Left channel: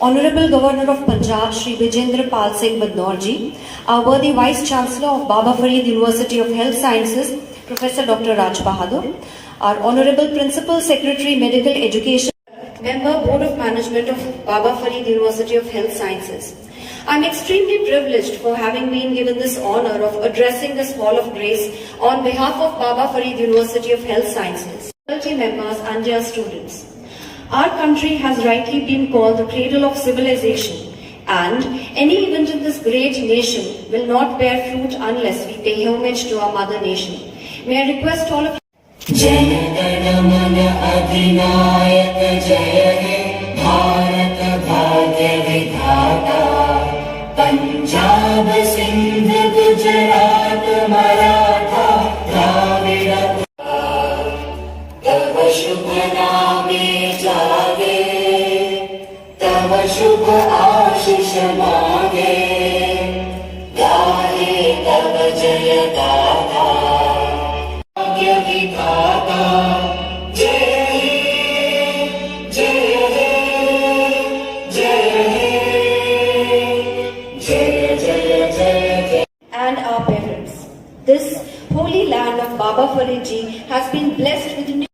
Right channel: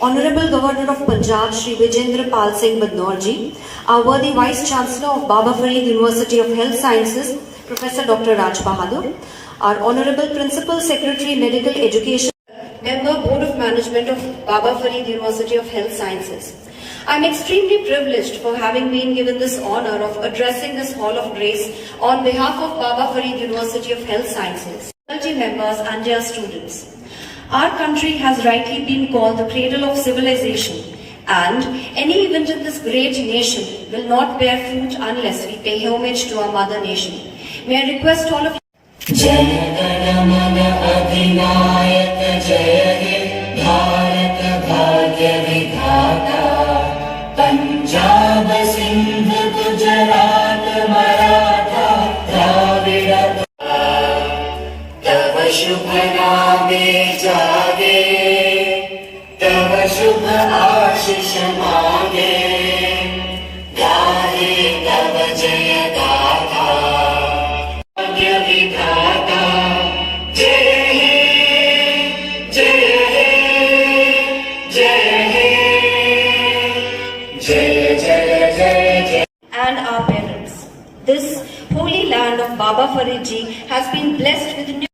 Honorable Governor of Punjab, Shri Vijendra Pal Singh Badnaur, our worthy Vice Chancellor of Baba Farid University of Health Sciences, Professor Dr. Raj Bahadur, our Honorable Principal Secretary Medical Education, Member Board of Management of Baba Farid University of Health Sciences. I am extremely privileged for having been given this honor of addressing this Hall of Grace on behalf of Baba Farid University of Health Sciences, faculty members and dear students. Our country has rightly been called the cradle of civilization, and any event in this great nation will not bear fruit unless we pay homage to our mother nation. May I request all of you. Punjab Sindh Gujarat Maratha Dravida तव शुभ नामे जागे तव शुभ आशीष मांगे गाहे तव जय गाथा भाग्य विधाता जय हे जय हे जय हे And our parents. This holy land of Baba Farid Ji has been blessed with new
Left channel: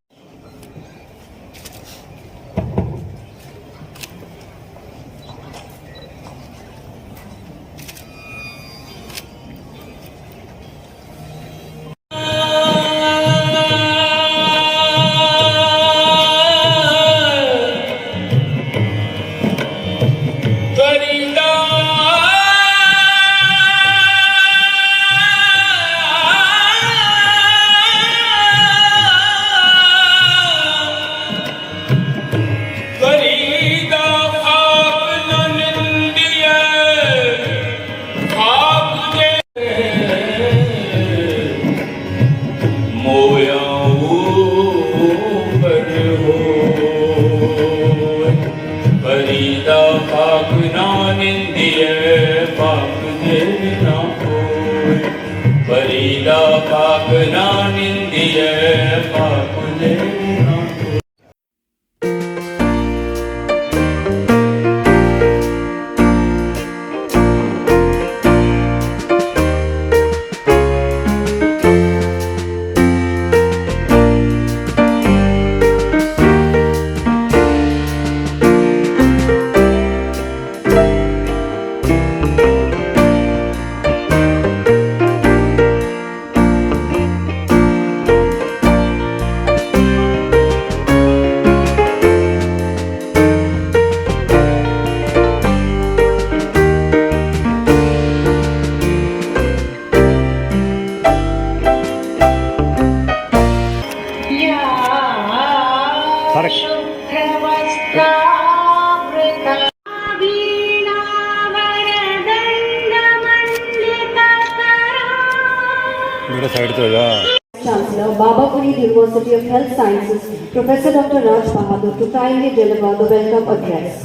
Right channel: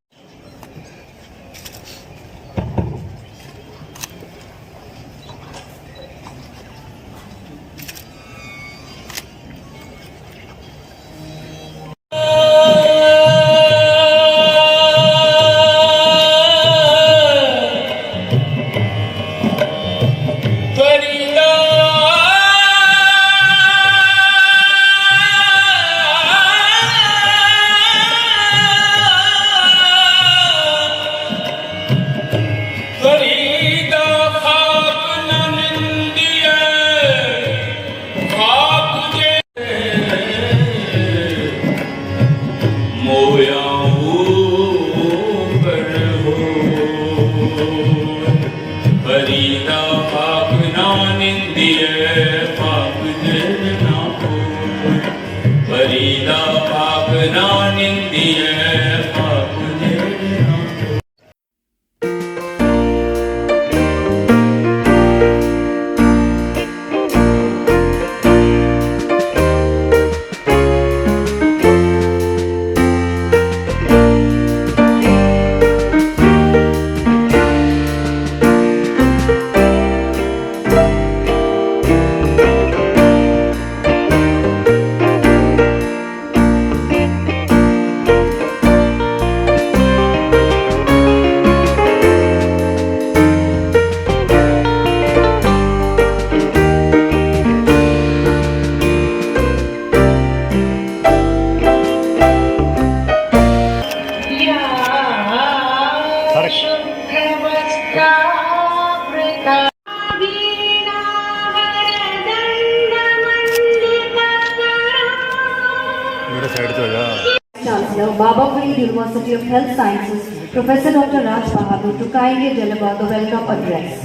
Chancellor, Baba Farid University of Health Sciences, Professor Dr. Raj Bahadur, to kindly deliver the welcome address.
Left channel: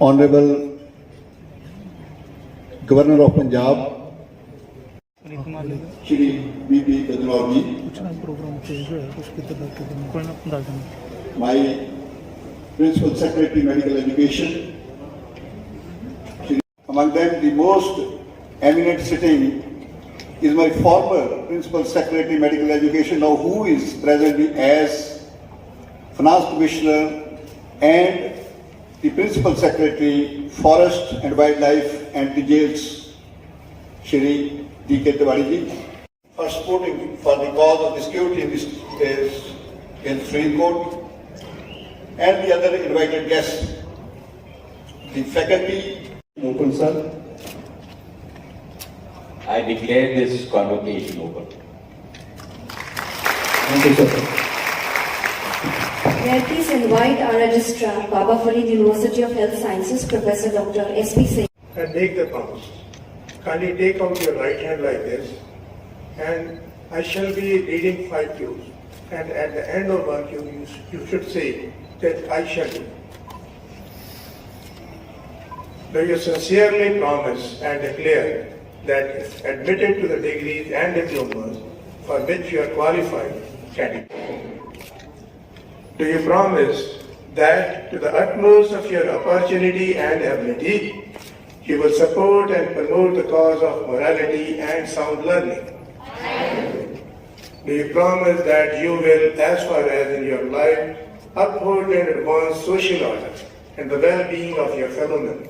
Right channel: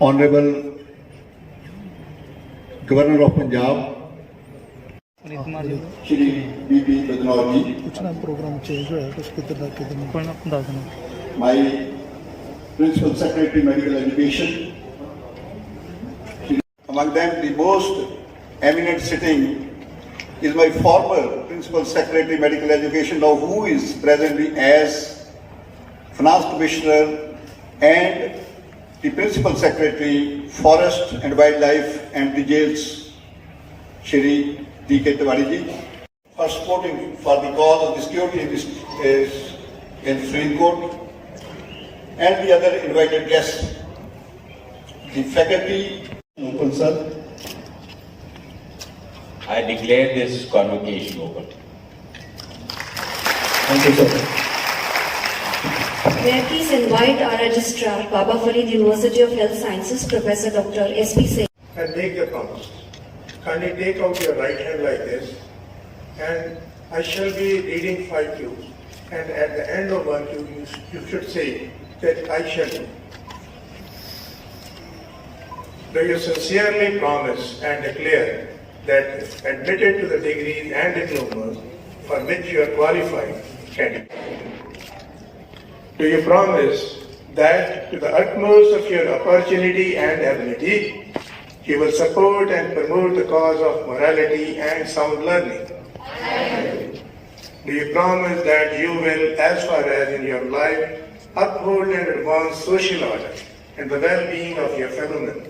Honorable Governor of Punjab, Shri B.P. Badnaur ji, my Principal Secretary Medical Education, among them the most eminent sitting is my former Principal Secretary Medical Education, now who is presently as Finance Commissioner and the Principal Secretary Forest and Wildlife and the Jails, Shri D.K. Tiwari ji, for supporting for the cause of the security in this case in the Supreme Court, and the other invited guests, the faculty. Open, sir. I declare this convocation open. Thank you, sir. May I please invite our Registrar, Baba Farid University of Health Sciences, Professor Dr. S.P. Singh. And make the promise. Kindly take out your right hand like this, and I shall be reading 5 cues. And at the end of 1 cue, you should say that I shall do. Do you sincerely promise and declare that admitted to the degrees and diplomas for which you are qualified candidate. Do you promise that to the utmost of your opportunity and ability, you will support and promote the cause of morality and sound learning? Do you promise that you will, as far as in your life, uphold and advance social order and the well-being of your fellow men?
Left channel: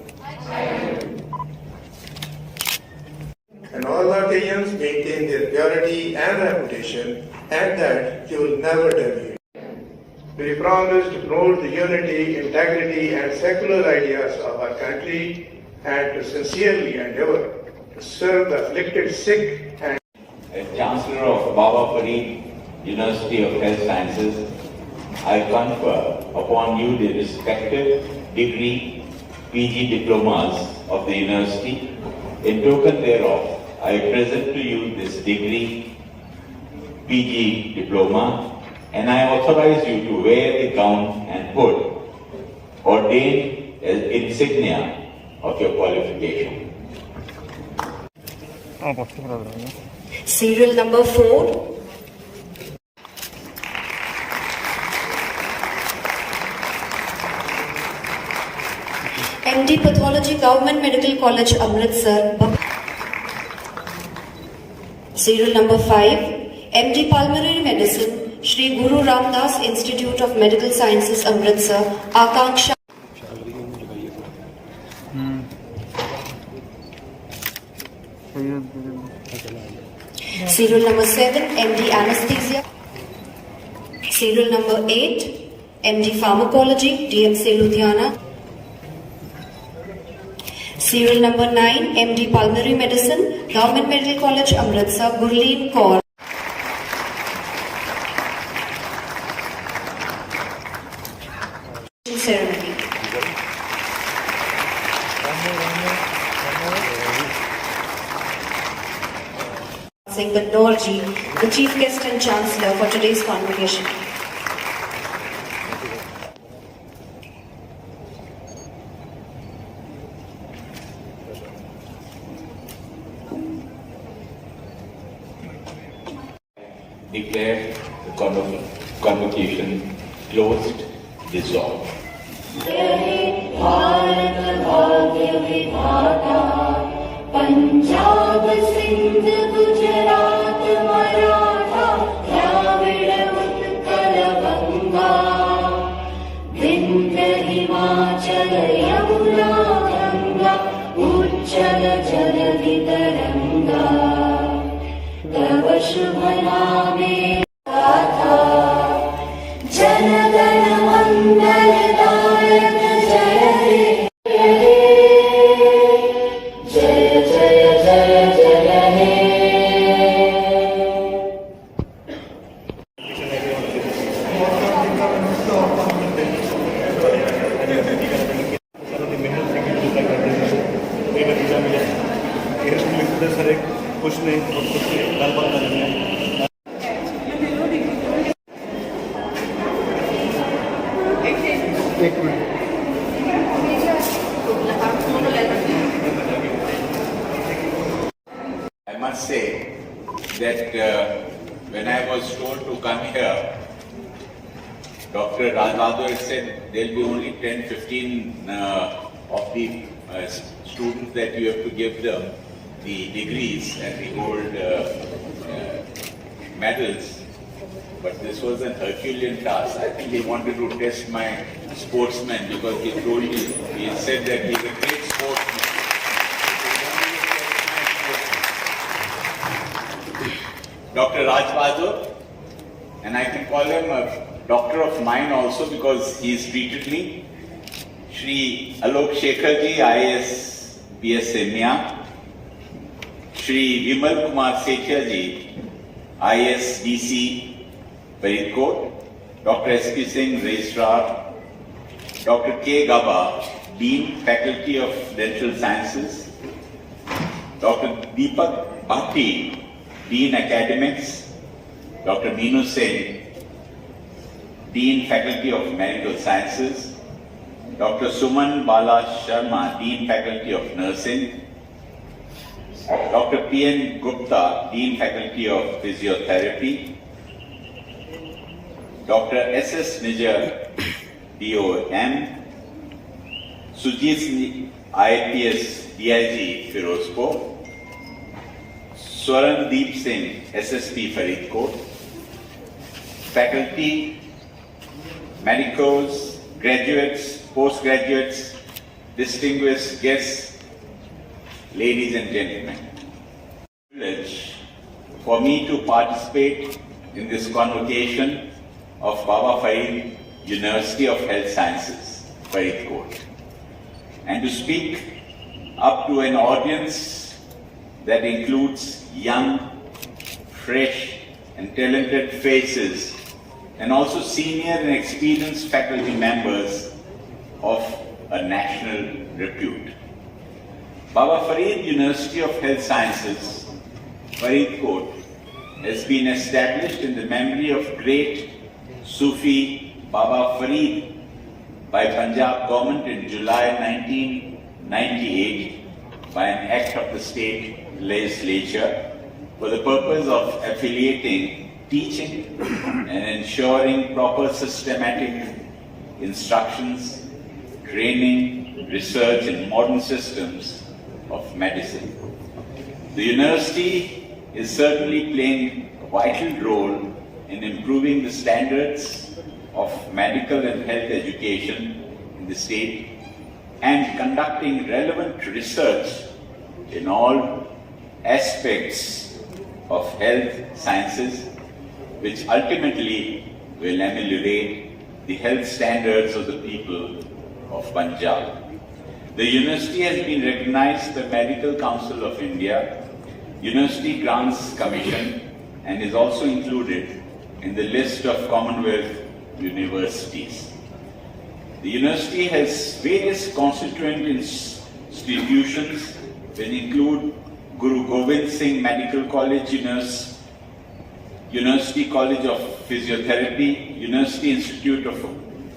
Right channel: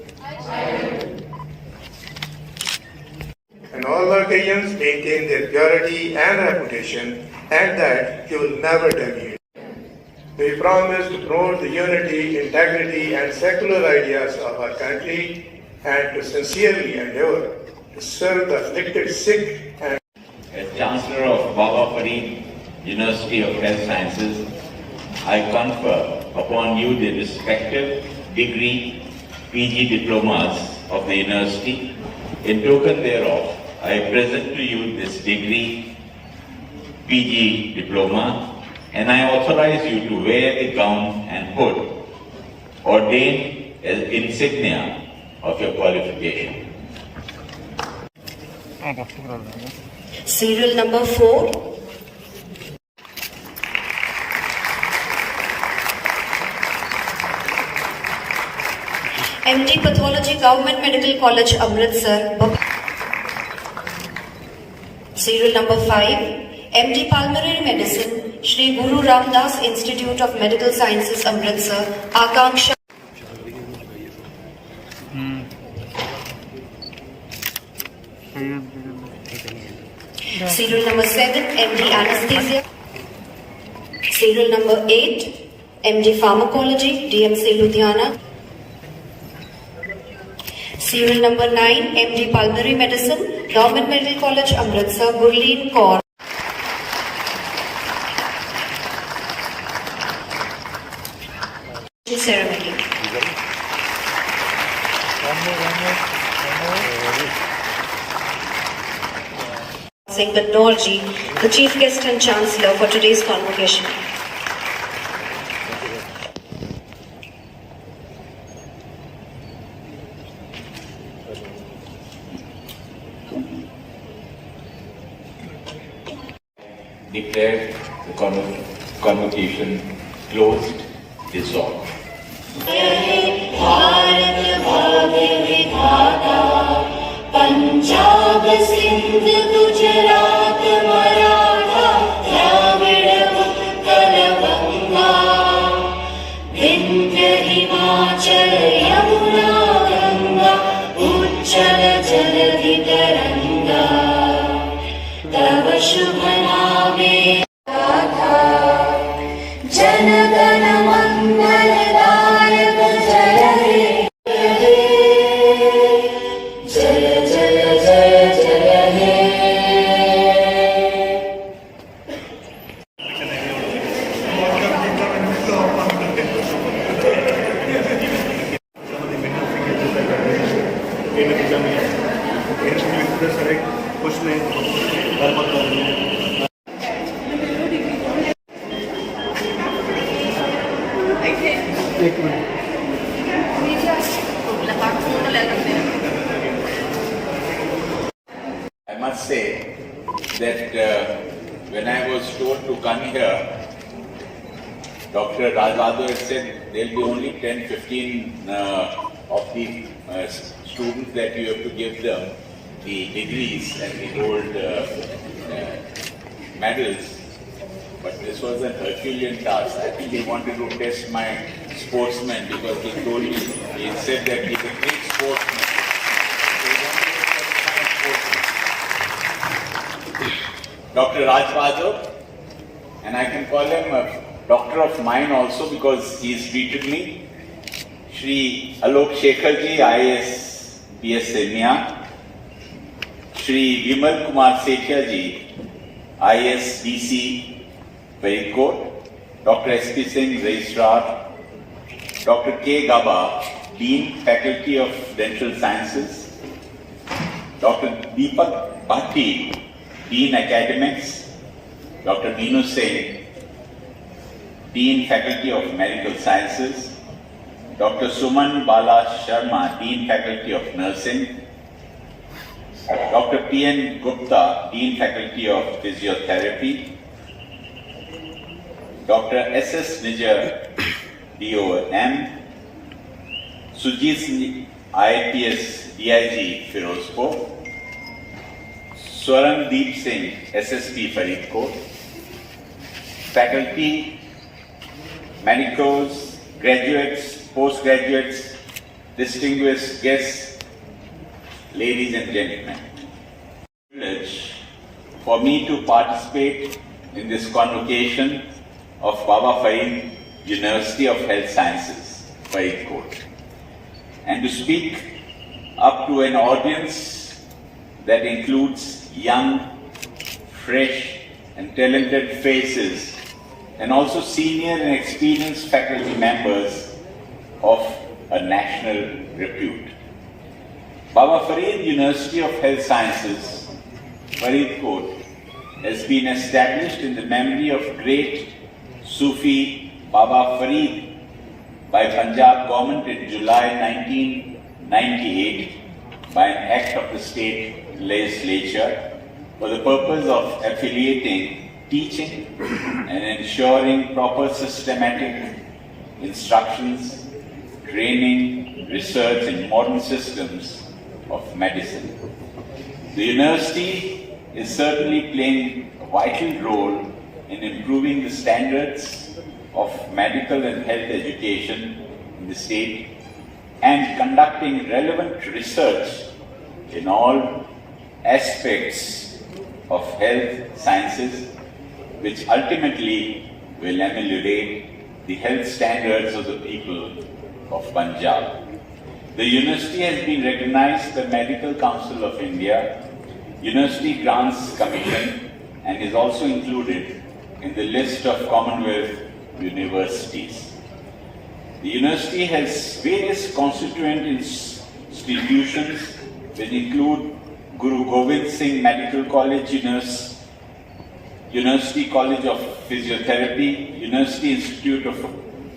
And all occasions maintain their purity and reputation, and that you will never deviate. Do you promise to promote the unity, integrity, and secular ideas of our country, and to sincerely endeavor to serve the afflicted, sick, and As Chancellor of Baba Farid University of Health Sciences, I confer upon you the respective degree PG diplomas of the university. In token thereof, I present to you this degree PG diploma, and I authorize you to wear the gown and hood ordained as insignia of your qualification. Serial number 4. MD Pathology, Government Medical College, Amritsar. Serial number 5. MD Pulmonary Medicine, Shri Guru Ramdas Institute of Medical Sciences, Amritsar. Akanksha. Serial number 7, MD Anesthesia. Serial number 8, MD Pharmacology, DMC Ludhiana. Serial number 9, MD Pulmonary Medicine, Government Medical College, Amritsar, Gurleen Kaur. Ceremony. Singh Badnorji, the Chief Guest and Chancellor for today's convocation. Declare the convocation closed, dissolved. Punjab Sindh Gujarat Maratha Dravida Utkal बंगा विंध्य हिमाचल यमुना गंगा उच्चल जलधि तरंगा तव शुभ नामे गाथा जनगण मंगलदायक जय हे जय जय जय जय हे I must say that when I was told to come here, Dr. Rajbahadar said there will be only 10-15 of the students that you have to give them the degrees and the gold medals. But this was an Herculean task. I think he wanted to test my sportsman because he told me, he said that he is a great sportsman. Dr. Rajbahadar, and I can call him a doctor of mine also because he's treated me. Shri Alok Shekharji, IAS PS Semia. Shri Vimal Kumar Sethia IAS DC Faridkot. Dr. S.P. Singh, Registrar. Dr. K. Gaba, Dean, Faculty of Dental Sciences. Dr. Deepak Bhatti, Dean Academics, Dr. Beenu Singh, Dean Faculty of Medical Sciences, Dr. Suman Bala Sharma, Dean Faculty of Nursing, Dr. P.N. Gupta, Dean Faculty of Physiotherapy, Dr. S.S. Nijar, DOM, Sujit IPS DIG Firozpur, Swarandeep Singh SSP Faridkot, faculty, medicos, graduates, postgraduates, distinguished guests, ladies and gentlemen. Privilege for me to participate in this convocation of Baba Farid University of Health Sciences, Faridkot, and to speak up to an audience that includes young, fresh and talented faces and also senior and experienced faculty members of a national repute. Baba Farid University of Health Sciences, Faridkot, has been established in the memory of great Sufi Baba Farid by Punjab government in July 1998 by an act of the state legislature for the purpose of affiliating, teaching and ensuring proper systematic instructions, training, research in modern systems of medicine. The university is certainly playing a vital role in improving the standards of medical and health education in the state and conducting relevant research in all aspects of health sciences, which ultimately will ameliorate the health standards of the people of Punjab. The university has been recognized by Medical Council of India, University Grants Commission, and is also included in the list of Commonwealth universities. The university has various constituent institutions which include Guru Gobind Singh Medical College, University College of Physiotherapy, University Institute of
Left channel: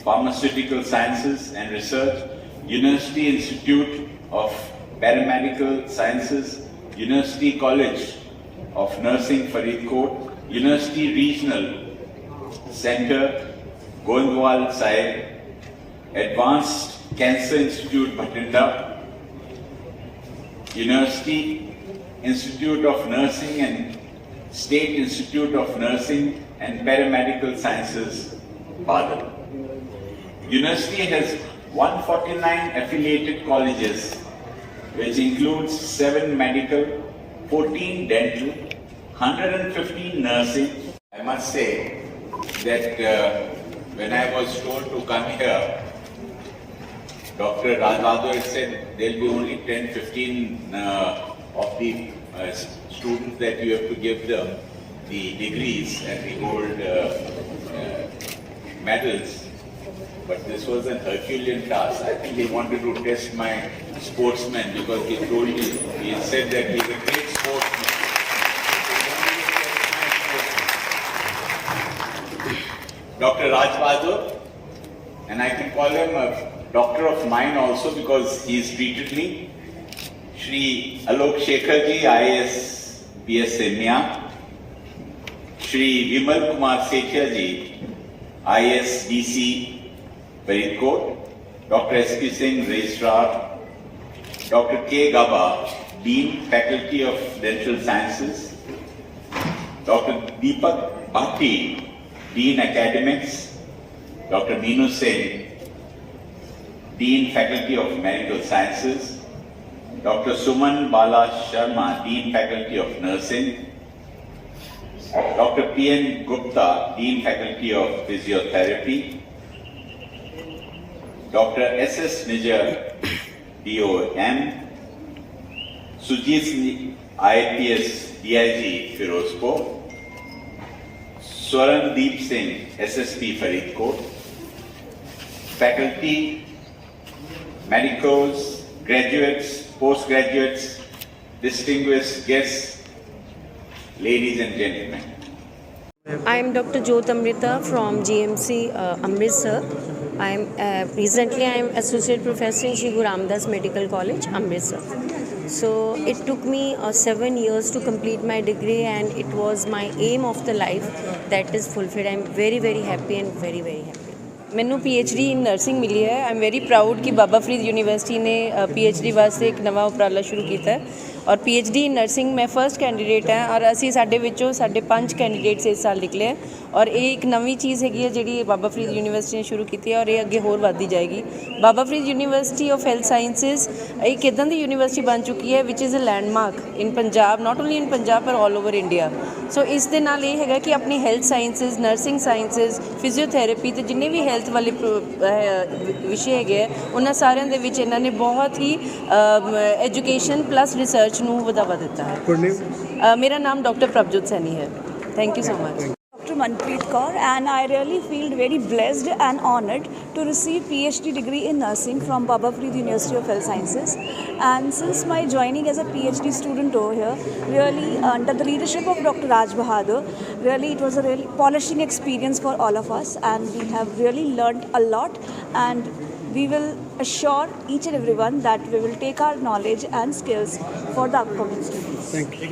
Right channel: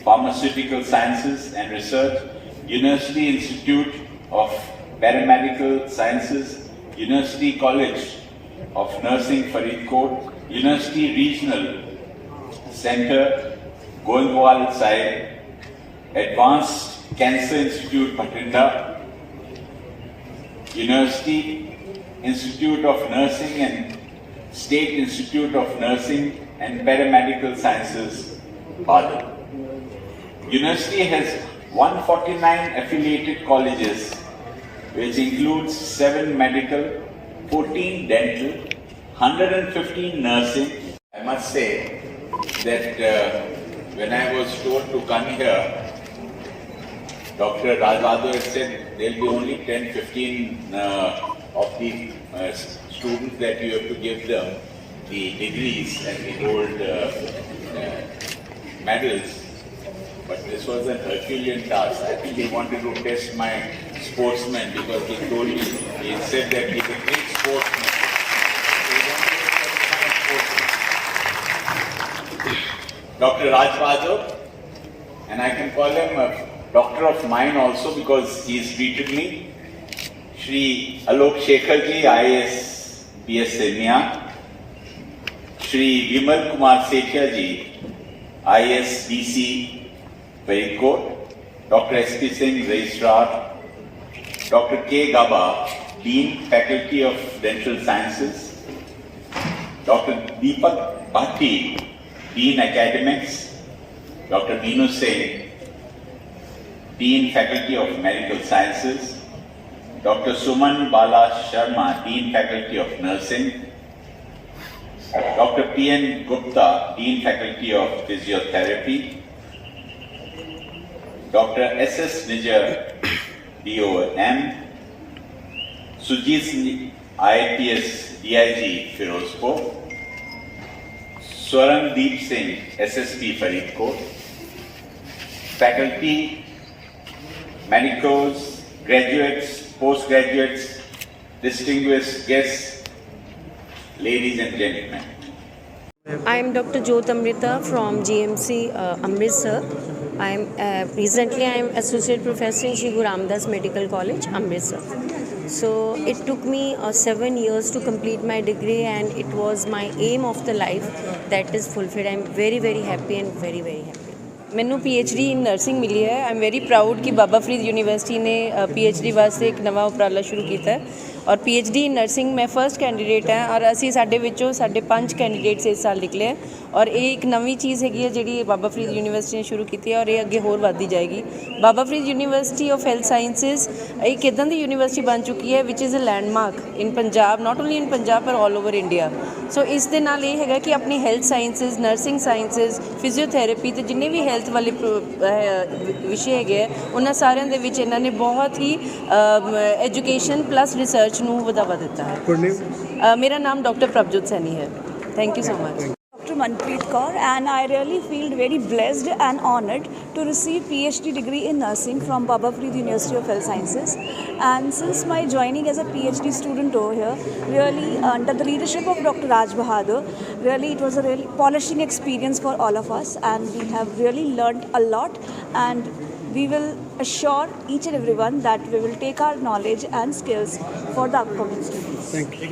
Pharmaceutical Sciences and Research, University Institute of Paramedical Sciences, University College of Nursing Faridkot, University Regional Center, Goindwal Sahib, Advanced Cancer Institute, Bhatinda, University Institute of Nursing and State Institute of Nursing and Paramedical Sciences, Badal. University has 149 affiliated colleges, which includes 7 medical, 14 dental, 115 nursing. I must say that when I was told to come here, Dr. Rajbahadar had said there will be only 10-15 of the students that you have to give them the degrees and the gold medals. But this was an Herculean task. I think he wanted to test my sportsman because he told me, he said that he is a great sportsman. Dr. Rajbahadar, and I can call him a doctor of mine also because he has treated me. Shri Alok Shekharji, IAS PS Semia. Shri Vimal Kumar Sethia IAS DC Faridkot. Dr. S.P. Singh, Registrar. Dr. K. Gaba, Dean, Faculty of Dental Sciences. Dr. Deepak Bhatti, Dean Academics, Dr. Meenu Singh, Dean Faculty of Medical Sciences, Dr. Suman Bala Sharma, Dean Faculty of Nursing, Dr. P.N. Gupta, Dean Faculty of Physiotherapy, Dr. S.S. Nijar, DOM, Sujit IPS DIG Firozpur, Swarandeep Singh, SSP Faridkot, faculty, medicos, graduates, postgraduates, distinguished guests, ladies and gentlemen. I am Dr. Jyot Amrita from GMC Amritsar. Recently I am Associate Professor in Shri Guru Ramdas Medical College, Amritsar. So it took me 7 years to complete my degree, and it was my aim of the life that is fulfilled. I'm very very happy and very very happy. ਮੈਨੂੰ PhD ਇਨ nursing ਮਿਲੀ ਹੈ। I am very proud ਕਿ ਬਾਬਾ Farid university ਨੇ PhD ਵਾਸਤੇ ਇੱਕ ਨਵਾਂ ਉਪਰਾਲਾ ਸ਼ੁਰੂ ਕੀਤਾ ਹੈ ਔਰ PhD ਇਨ ਨਰਸਿੰਗ ਮੈਂ ਫਰਸਟ ਕੈਂਡੀਡੇਟ ਹਾਂ ਔਰ ਅਸੀਂ ਸਾਡੇ ਵਿੱਚੋਂ ਸਾਡੇ 5 ਕੈਂਡੀਡੇਟਸ ਇਸ ਸਾਲ ਨਿਕਲੇ ਹੈ ਔਰ ਇਹ ਇੱਕ ਨਵੀਂ ਚੀਜ਼ ਹੈਗੀ ਹੈ ਜਿਹੜੀ ਬਾਬਾ ਫਰੀਦ ਯੂਨੀਵਰਸਿਟੀ ਨੇ ਸ਼ੁਰੂ ਕੀਤੀ ਹੈ ਔਰ ਇਹ ਅੱਗੇ ਹੋਰ ਵੱਧਦੀ ਜਾਏਗੀ। Baba Farid university of health sciences ਇੱਕ ਇੱਦਾਂ ਦੀ ਯੂਨੀਵਰਸਿਟੀ ਬਣ ਚੁੱਕੀ ਹੈ which is a landmark in Punjab, not only in Punjab ਪਰ ਆਲ ਓਵਰ ਇੰਡੀਆ। ਸੋ ਇਸ ਦੇ ਨਾਲ ਇਹ ਹੈਗਾ ਕਿ ਆਪਣੀ health sciences, nursing sciences, physiotherapy ਅਤੇ ਜਿੰਨੇ ਵੀ ਹੈਲਥ ਵਾਲੇ ਵਿਸ਼ੇ ਹੈਗੇ ਆ ਉਹਨਾਂ ਸਾਰਿਆਂ ਦੇ ਵਿੱਚ ਇਹਨਾਂ ਨੇ ਬਹੁਤ ਹੀ ਐਜੂਕੇਸ਼ਨ ਪਲੱਸ ਰਿਸਰਚ ਨੂੰ ਵਧਾਵਾ ਦਿੱਤਾ ਹੈ। ਮੇਰਾ ਨਾਮ ਡਾਕਟਰ ਪ੍ਰਭਜੋਤ ਸੈਣੀ ਹੈ। Thank you so much. Dr. Manpreet Kaur, and I really feel very blessed and honored to receive PhD degree in nursing from Baba Farid University of Health Sciences. And since my joining as a PhD student over here, really under the leadership of Dr. Raj Bahadur, really it was a really polishing experience for all of us, and we have really learned a lot, and we will assure each and everyone that we will take our knowledge and skills for the upcoming students. Thank you.